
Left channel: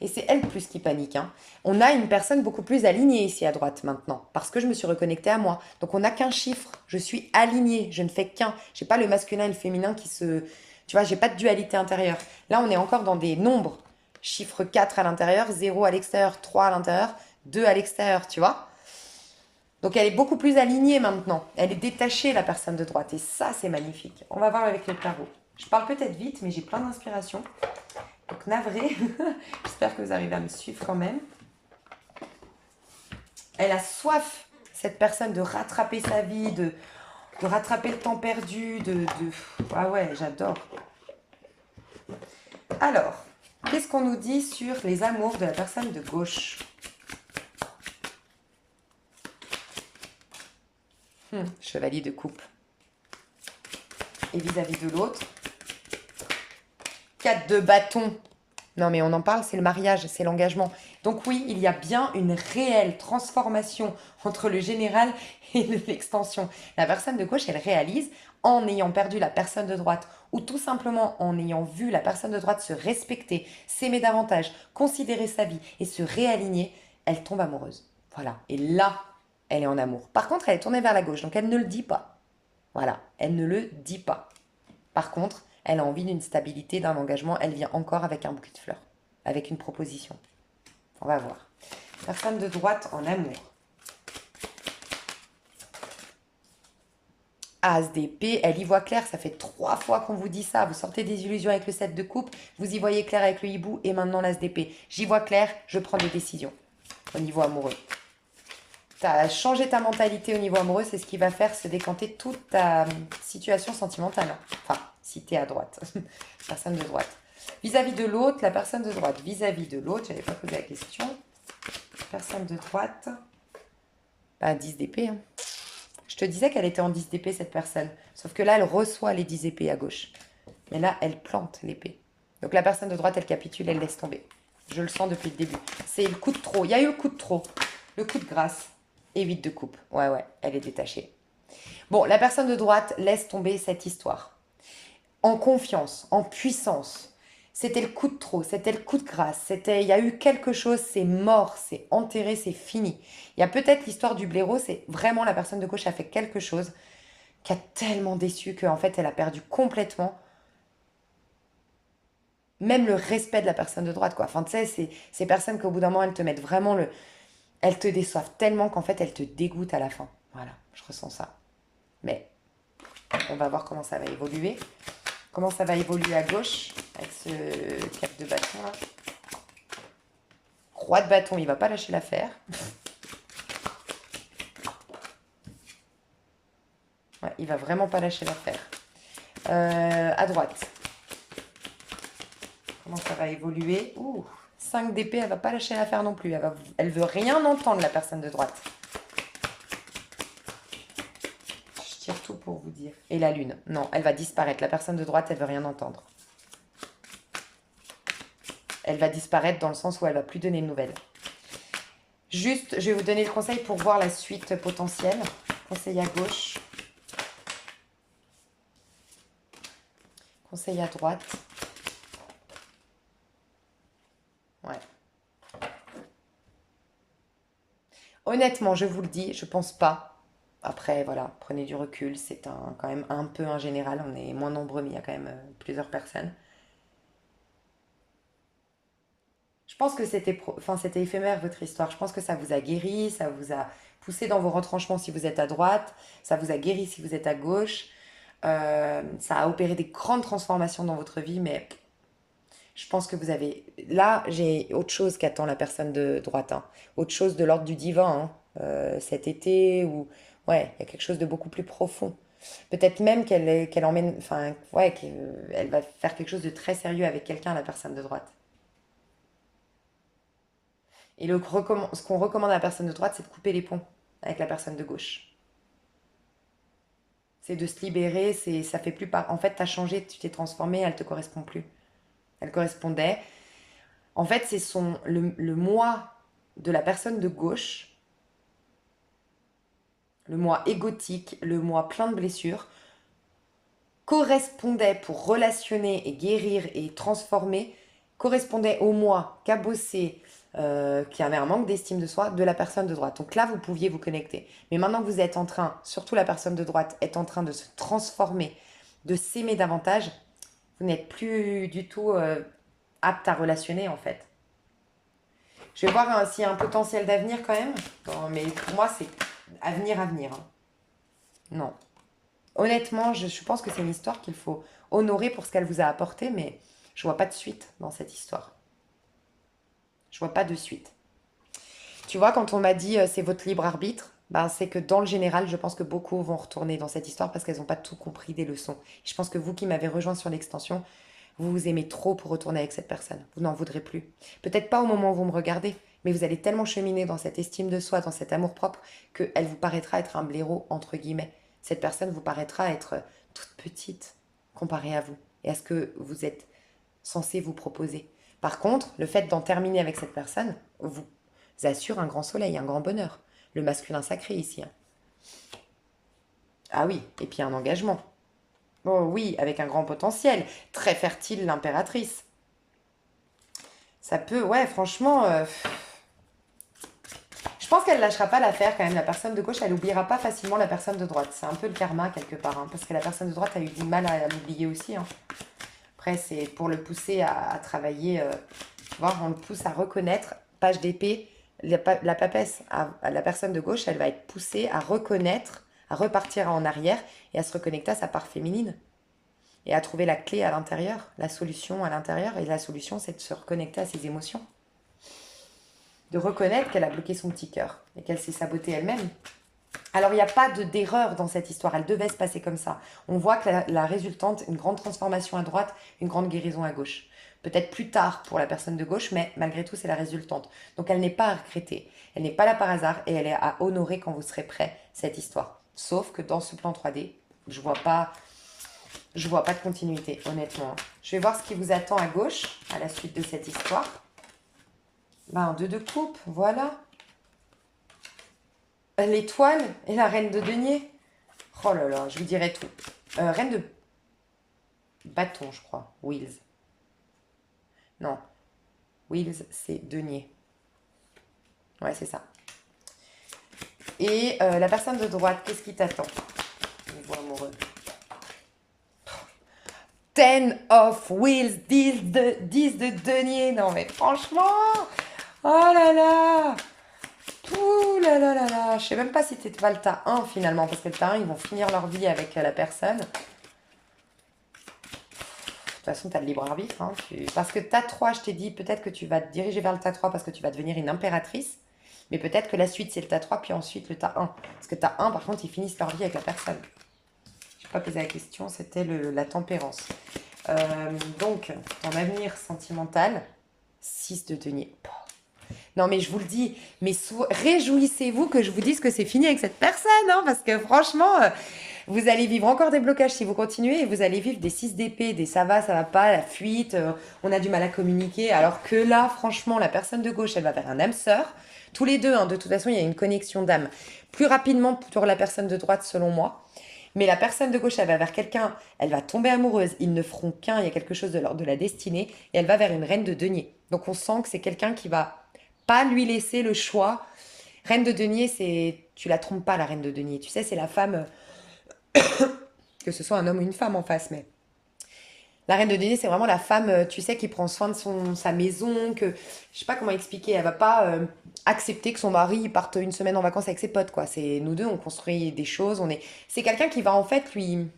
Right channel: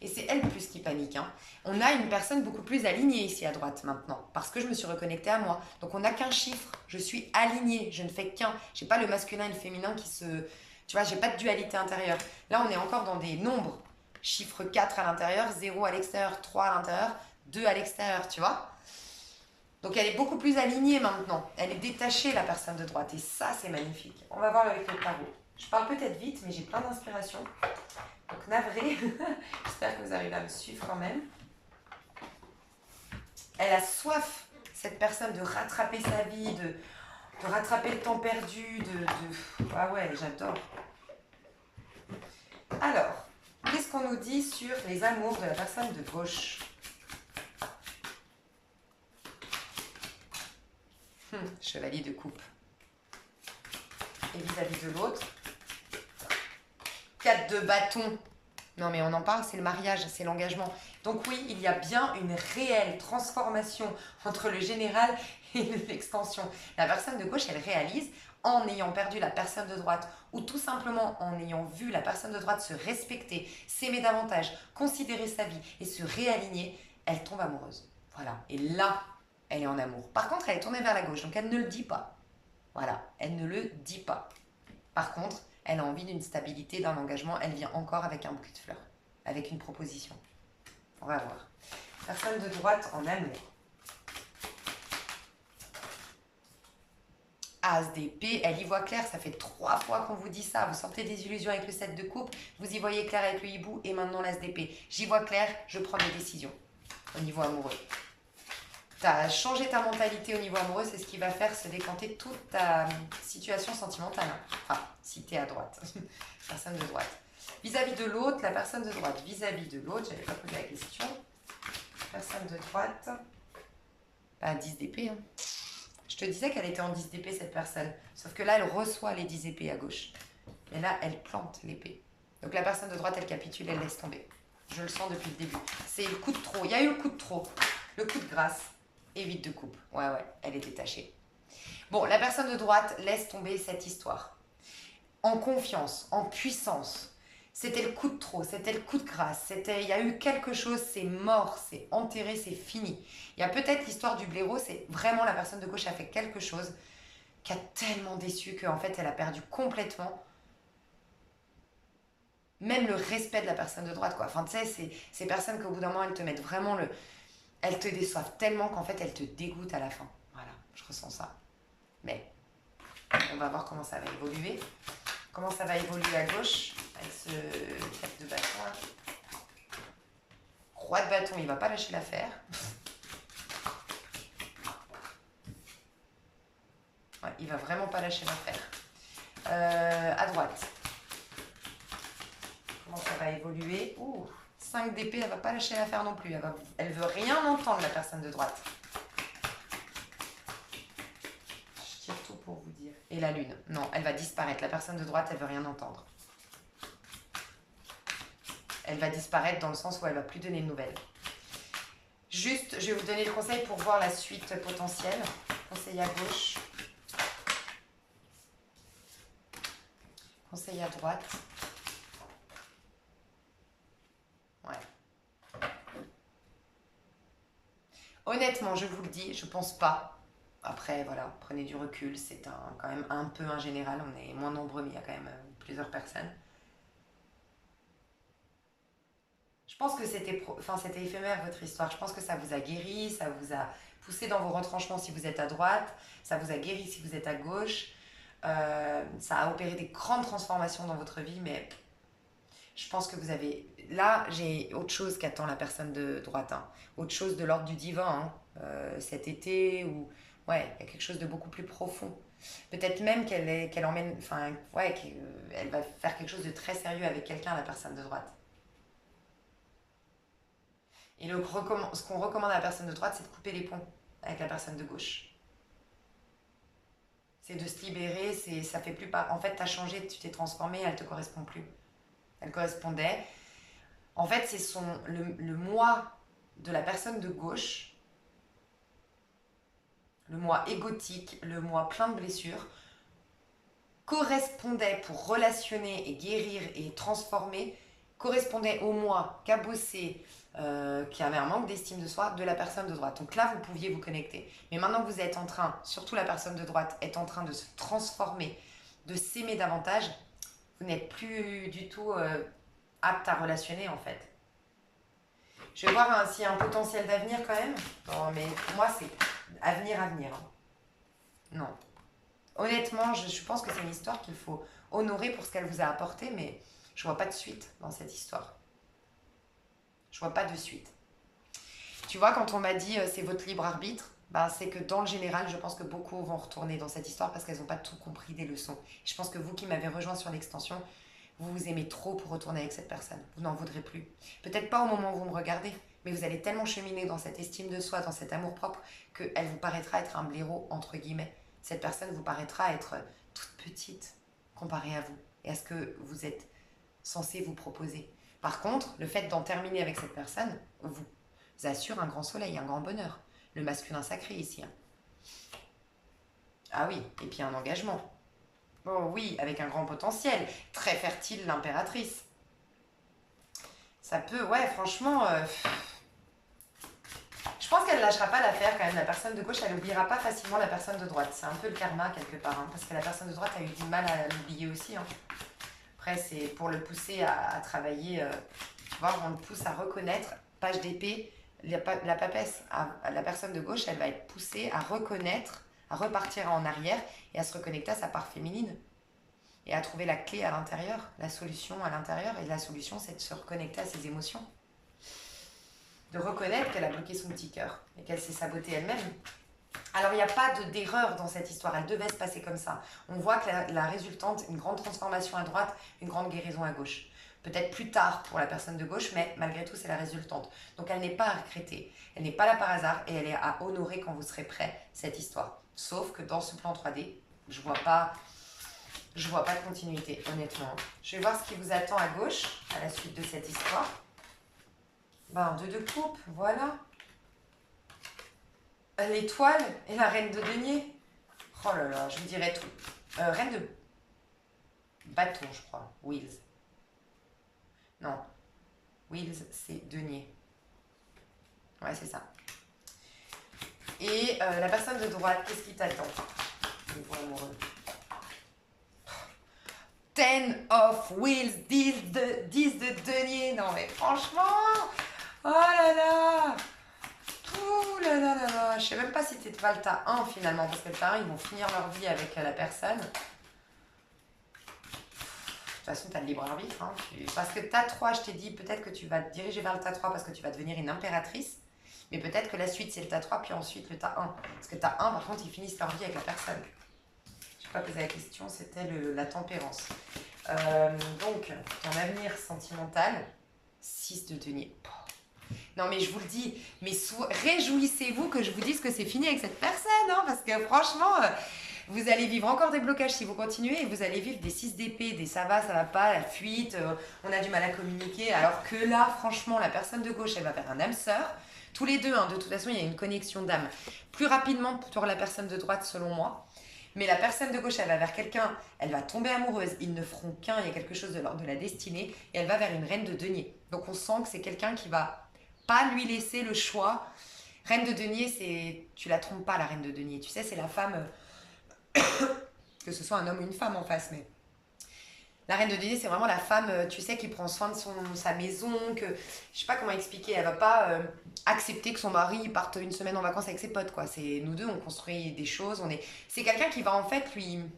Et c'est elle plus qui panique. Hein. On a une personne beaucoup plus alignée ici à droite maintenant, parce que je me suis reconnectée à moi. Donc on n'a qu'un chiffre, je suis alignée, je ne fais qu'un. Je n'ai pas le masculin et le féminin qui se... Tu vois, j'ai pas de dualité intérieure. Là, on est encore dans des nombres. Chiffre 4 à l'intérieur, 0 à l'extérieur, 3 à l'intérieur, 2 à l'extérieur, tu vois. Donc elle est beaucoup plus alignée maintenant. Elle est détachée, la personne de droite. Et ça, c'est magnifique. On va voir avec le tarot. Je parle peut-être vite, mais j'ai plein d'inspiration. Donc navré. J'espère que vous arrivez à me suivre quand même. Elle a soif, cette personne, de rattraper sa vie, de rattraper le temps perdu. Ah ouais, j'adore. Alors, qu'est-ce qu'on nous dit sur les amours de la personne de gauche ? Chevalier de coupe. Et vis-à-vis de l'autre, 4 de bâton. Non mais on en parle, c'est le mariage, c'est l'engagement. Donc oui, il y a bien une réelle transformation entre le général et l'extension. La personne de gauche, elle réalise, en ayant perdu la personne de droite, ou tout simplement en ayant vu la personne de droite se respecter, s'aimer davantage, considérer sa vie et se réaligner, elle tombe amoureuse. Voilà. Et là, elle est en amour. Par contre, elle est tournée vers la gauche, donc elle ne le dit pas. Voilà, elle ne le dit pas. Par contre, elle a envie d'une stabilité, d'un engagement. Elle vient encore avec un bouquet de fleurs, avec une proposition. On va voir. Personne de droite en amour. As d'épée, elle y voit clair. Ça fait 3 fois qu'on vous dit ça. Vous sortez des illusions avec le 7 de coupe. Vous y voyez clair avec le hibou. Et maintenant l'as d'épée. J'y vois clair, je prends des décisions au niveau amoureux. Tu as changé ta mentalité au niveau amoureux, c'est ce qui va faire se décanter toute ta situation sentimentale. Enfin, si tu es à droite, personne de droite. Vis-à-vis de l'autre, la personne de droite. Vis-à-vis de l'autre, j'avais pas posé la question. Personne de droite. 10 d'épée. Hein. Je te disais qu'elle était en 10 d'épée, cette personne. Sauf que là, elle reçoit les 10 épées à gauche. Mais là, elle plante l'épée. Donc la personne de droite, elle capitule, elle laisse tomber. Je le sens depuis le début. C'est le coup de trop. Il y a eu le coup de trop. Le coup de grâce. Et 8 de coupe. Ouais, elle est détachée. Bon, la personne de droite laisse tomber cette histoire. En confiance, en puissance. C'était le coup de trop, c'était le coup de grâce. Il y a eu quelque chose, c'est mort, c'est enterré, c'est fini. Il y a peut-être l'histoire du blaireau, c'est vraiment la personne de gauche a fait quelque chose qui a tellement déçu qu'en fait, elle a perdu complètement même le respect de la personne de droite, quoi. Enfin, tu sais, c'est ces personnes qu'au bout d'un moment, elles te mettent vraiment le... Elles te déçoivent tellement qu'en fait, elles te dégoûtent à la fin. Voilà, je ressens ça. Mais on va voir comment ça va évoluer. Comment ça va évoluer à gauche avec ce 4 de bâton. Là. Roi de bâton, il va pas lâcher l'affaire. Ouais, il va vraiment pas lâcher l'affaire. À droite. Comment ça va évoluer? 5 d'épée, elle va pas lâcher l'affaire non plus. Elle veut rien entendre, la personne de droite. tout pour vous dire. Et la lune, non, elle va disparaître. La personne de droite, elle veut rien entendre. Elle va disparaître dans le sens où elle va plus donner de nouvelles. Juste, je vais vous donner le conseil pour voir la suite potentielle. Conseil à gauche. Conseil à droite. Ouais. Honnêtement, je vous le dis, je pense pas. Après, voilà, prenez du recul. C'est quand même un peu un général. On est moins nombreux, mais il y a quand même plusieurs personnes. Je pense que c'était éphémère votre histoire. Je pense que ça vous a guéri, ça vous a poussé dans vos retranchements si vous êtes à droite, ça vous a guéri si vous êtes à gauche. Ça a opéré des grandes transformations dans votre vie, mais je pense que vous avez... Là, j'ai autre chose qu'attend la personne de droite, hein. Autre chose de l'ordre du divin, hein. Cet été, ou... Ouais, il y a quelque chose de beaucoup plus profond. Peut-être même qu'elle emmène... Enfin, ouais, qu'elle va faire quelque chose de très sérieux avec quelqu'un, la personne de droite. Et ce qu'on recommande à la personne de droite, c'est de couper les ponts avec la personne de gauche. C'est de se libérer, ça fait plus part. En fait, tu as changé, tu t'es transformé, elle te correspond plus. Elle correspondait. En fait, c'est le moi de la personne de gauche, le moi égotique, le moi plein de blessures, correspondait pour relationner et guérir et transformer, correspondait au moi cabossé, qui avait un manque d'estime de soi de la personne de droite. Donc là, vous pouviez vous connecter. Mais maintenant que vous êtes en train, surtout la personne de droite, est en train de se transformer, de s'aimer davantage, vous n'êtes plus du tout apte à relationner en fait. Je vais voir hein, s'il y a un potentiel d'avenir quand même. Non, mais pour moi, c'est avenir, avenir, hein. Non. Honnêtement, je pense que c'est une histoire qu'il faut honorer pour ce qu'elle vous a apporté, mais je vois pas de suite dans cette histoire. Je vois pas de suite. Tu vois, quand on m'a dit c'est votre libre arbitre, ben, c'est que dans le général, je pense que beaucoup vont retourner dans cette histoire parce qu'elles n'ont pas tout compris des leçons. Je pense que vous qui m'avez rejoint sur l'extension, vous vous aimez trop pour retourner avec cette personne. Vous n'en voudrez plus. Peut-être pas au moment où vous me regardez, mais vous allez tellement cheminer dans cette estime de soi, dans cet amour-propre, qu'elle vous paraîtra être un blaireau, entre guillemets. Cette personne vous paraîtra être toute petite comparée à vous et à ce que vous êtes censé vous proposer. Par contre, le fait d'en terminer avec cette personne vous assure un grand soleil, un grand bonheur. Le masculin sacré ici, hein. Ah oui, et puis un engagement. Oh oui, avec un grand potentiel. Très fertile, l'impératrice. Ça peut, ouais, franchement, je pense qu'elle ne lâchera pas l'affaire quand même. La personne de gauche, elle n'oubliera pas facilement la personne de droite. C'est un peu le karma quelque part, hein, parce que la personne de droite a eu du mal à l'oublier aussi, hein. Après, c'est pour le pousser à travailler. Tu vois, on le pousse à reconnaître, page d'épée, la papesse, la personne de gauche, elle va être poussée à reconnaître, à repartir en arrière et à se reconnecter à sa part féminine. Et à trouver la clé à l'intérieur, la solution à l'intérieur. Et la solution, c'est de se reconnecter à ses émotions. De reconnaître qu'elle a bloqué son petit cœur et qu'elle s'est sabotée elle-même. Alors, il n'y a pas d'erreur dans cette histoire. Elle devait se passer comme ça. On voit que la résultante, une grande transformation à droite, une grande guérison à gauche. Peut-être plus tard pour la personne de gauche, mais malgré tout, c'est la résultante. Donc, elle n'est pas à regretter. Elle n'est pas là par hasard et elle est à honorer quand vous serez prêt, cette histoire. Sauf que dans ce plan 3D, je vois pas de continuité, honnêtement. Je vais voir ce qui vous attend à gauche, à la suite de cette histoire. Ben, un 2 de coupe, voilà. L'étoile et la reine de denier. Oh là là, je vous dirai tout. Reine de bâton, je crois. Wheels. Non. Wheels, c'est denier. Ouais, c'est ça. Et la personne de droite, qu'est-ce qui t'attend? Niveau amoureux. 10 of wheels, 10 de denier. Non mais franchement, oh là là. Ouh là là là là. Je sais même pas si t'es pas le tas 1 finalement, parce que le tas 1, ils vont finir leur vie avec la personne. De toute façon, tu as le libre arbitre, hein. Parce que tas 3, je t'ai dit, peut-être que tu vas te diriger vers le tas 3 parce que tu vas devenir une impératrice. Mais peut-être que la suite, c'est le tas 3, puis ensuite le tas 1. Parce que tas 1, par contre, ils finissent leur vie avec la personne. Je n'ai pas posé la question, c'était la tempérance. Donc, ton avenir sentimental, 6 de denier. Non, mais je vous le dis, mais réjouissez-vous que je vous dise que c'est fini avec cette personne, hein, parce que franchement, Vous allez vivre encore des blocages si vous continuez et vous allez vivre des 6 d'épée, des ça va pas, la fuite, on a du mal à communiquer. Alors que là, franchement, la personne de gauche, elle va vers un âme sœur. Tous les deux, hein, de toute façon, il y a une connexion d'âme. Plus rapidement pour la personne de droite, selon moi. Mais la personne de gauche, elle va vers quelqu'un, elle va tomber amoureuse, ils ne feront qu'un, il y a quelque chose de l'ordre de la destinée, et elle va vers une reine de denier. Donc on sent que c'est quelqu'un qui va pas lui laisser le choix. Reine de denier, c'est... Tu la trompes pas, la reine de denier. Tu sais, c'est la femme, que ce soit un homme ou une femme en face, mais... La reine de denier, c'est vraiment la femme, tu sais, qui prend soin de sa maison, que... Je sais pas comment expliquer, elle va pas accepter que son mari parte une semaine en vacances avec ses potes, quoi. C'est nous deux, on construit des choses, on est... C'est quelqu'un qui va en fait lui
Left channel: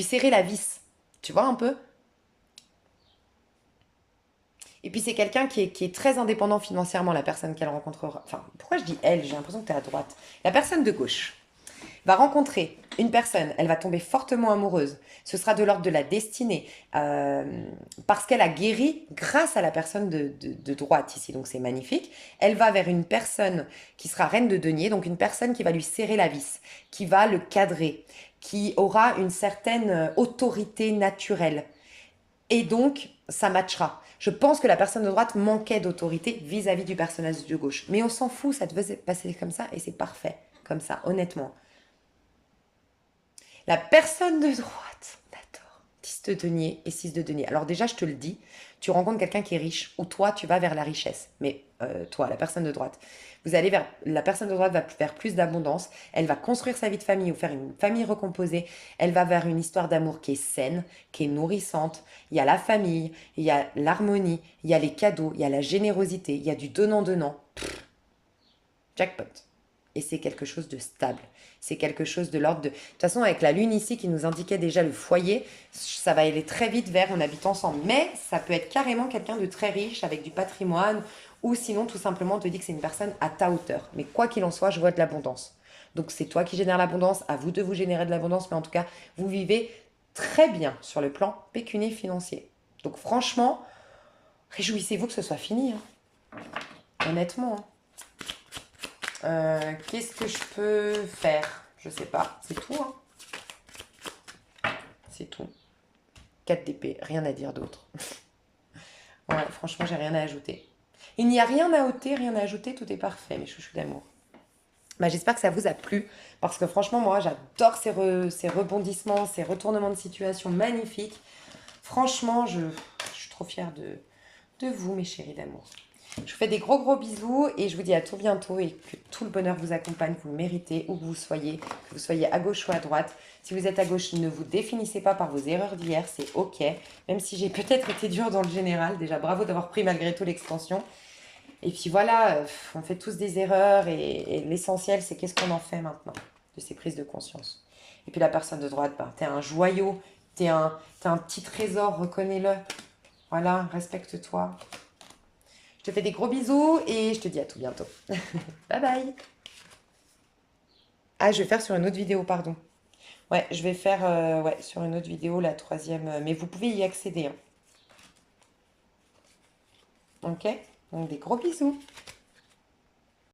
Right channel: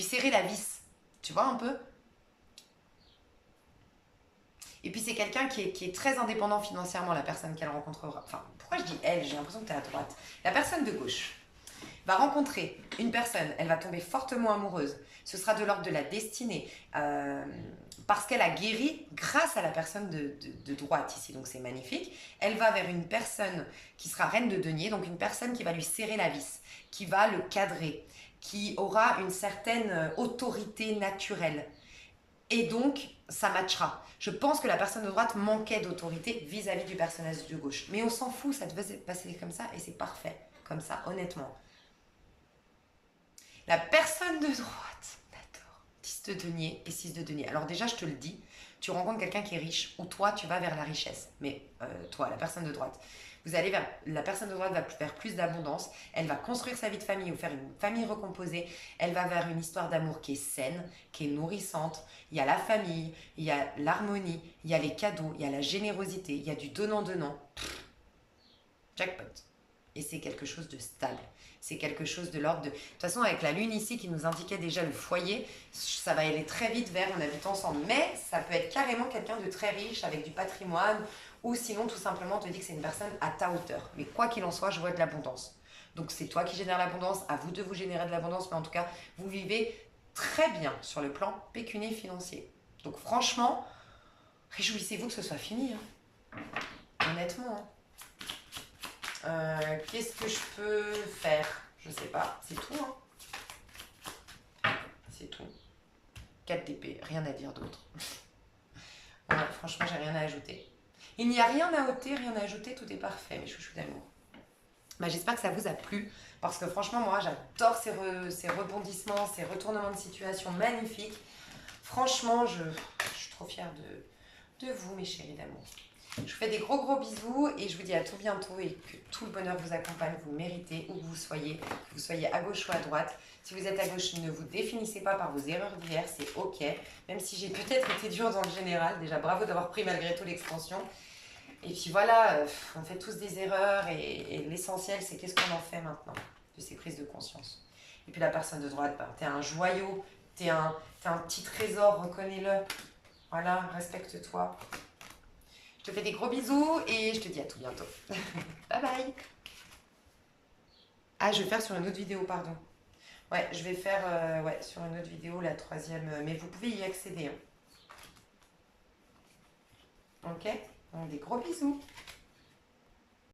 serrer la vis. Tu vois un peu? Et puis c'est quelqu'un qui est très indépendant financièrement, la personne qu'elle rencontrera. Enfin, pourquoi je dis elle? J'ai l'impression que tu es à droite. La personne de gauche va rencontrer une personne, elle va tomber fortement amoureuse. Ce sera de l'ordre de la destinée, parce qu'elle a guéri grâce à la personne de droite ici, donc c'est magnifique. Elle va vers une personne qui sera reine de denier, donc une personne qui va lui serrer la vis, qui va le cadrer, qui aura une certaine autorité naturelle. Et donc, ça matchera. Je pense que la personne de droite manquait d'autorité vis-à-vis du personnage de gauche. Mais on s'en fout, ça devait passer comme ça et c'est parfait, comme ça, honnêtement. La personne de droite, d'accord, 10 de denier et 6 de denier. Alors déjà, je te le dis, tu rencontres quelqu'un qui est riche ou toi, tu vas vers la richesse. Mais toi, la personne de droite, vous allez vers... La personne de droite va vers plus d'abondance. Elle va construire sa vie de famille ou faire une famille recomposée. Elle va vers une histoire d'amour qui est saine, qui est nourrissante. Il y a la famille, il y a l'harmonie, il y a les cadeaux, il y a la générosité, il y a du donnant-donnant. Jackpot. Et c'est quelque chose de stable. C'est quelque chose de l'ordre de... De toute façon, avec la lune ici qui nous indiquait déjà le foyer, ça va aller très vite vers on habite ensemble. Mais ça peut être carrément quelqu'un de très riche avec du patrimoine ou sinon tout simplement on te dit que c'est une personne à ta hauteur. Mais quoi qu'il en soit, je vois de l'abondance. Donc c'est toi qui génères l'abondance, à vous de vous générer de l'abondance, mais en tout cas, vous vivez très bien sur le plan pécunier financier. Donc franchement, réjouissez-vous que ce soit fini, hein. Honnêtement, hein. Qu'est-ce que je peux faire? Je sais pas. C'est tout, hein. C'est tout. 4 d'épée, rien à dire d'autre. Voilà, franchement, j'ai rien à ajouter. Il n'y a rien à ôter, rien à ajouter, tout est parfait, mes chouchous d'amour. Bah, j'espère que ça vous a plu, parce que franchement, moi, j'adore ces rebondissements, ces retournements de situation magnifiques. Franchement, je suis trop fière de vous, mes chéris d'amour. Je vous fais des gros gros bisous et je vous dis à tout bientôt et que tout le bonheur vous accompagne, vous le méritez, où que vous soyez à gauche ou à droite. Si vous êtes à gauche, ne vous définissez pas par vos erreurs d'hier, c'est ok. Même si j'ai peut-être été dure dans le général, déjà bravo d'avoir pris malgré tout l'expansion. Et puis voilà, on fait tous des erreurs et l'essentiel c'est qu'est-ce qu'on en fait maintenant de ces prises de conscience. Et puis la personne de droite, ben, t'es un joyau, t'es un petit trésor, reconnais-le. Voilà, respecte-toi. Je te fais des gros bisous et je te dis à tout bientôt. Bye bye. Ah, je vais faire sur une autre vidéo, pardon. Ouais, je vais faire ouais, sur une autre vidéo, la troisième. Mais vous pouvez y accéder, hein. Ok? Donc des gros bisous.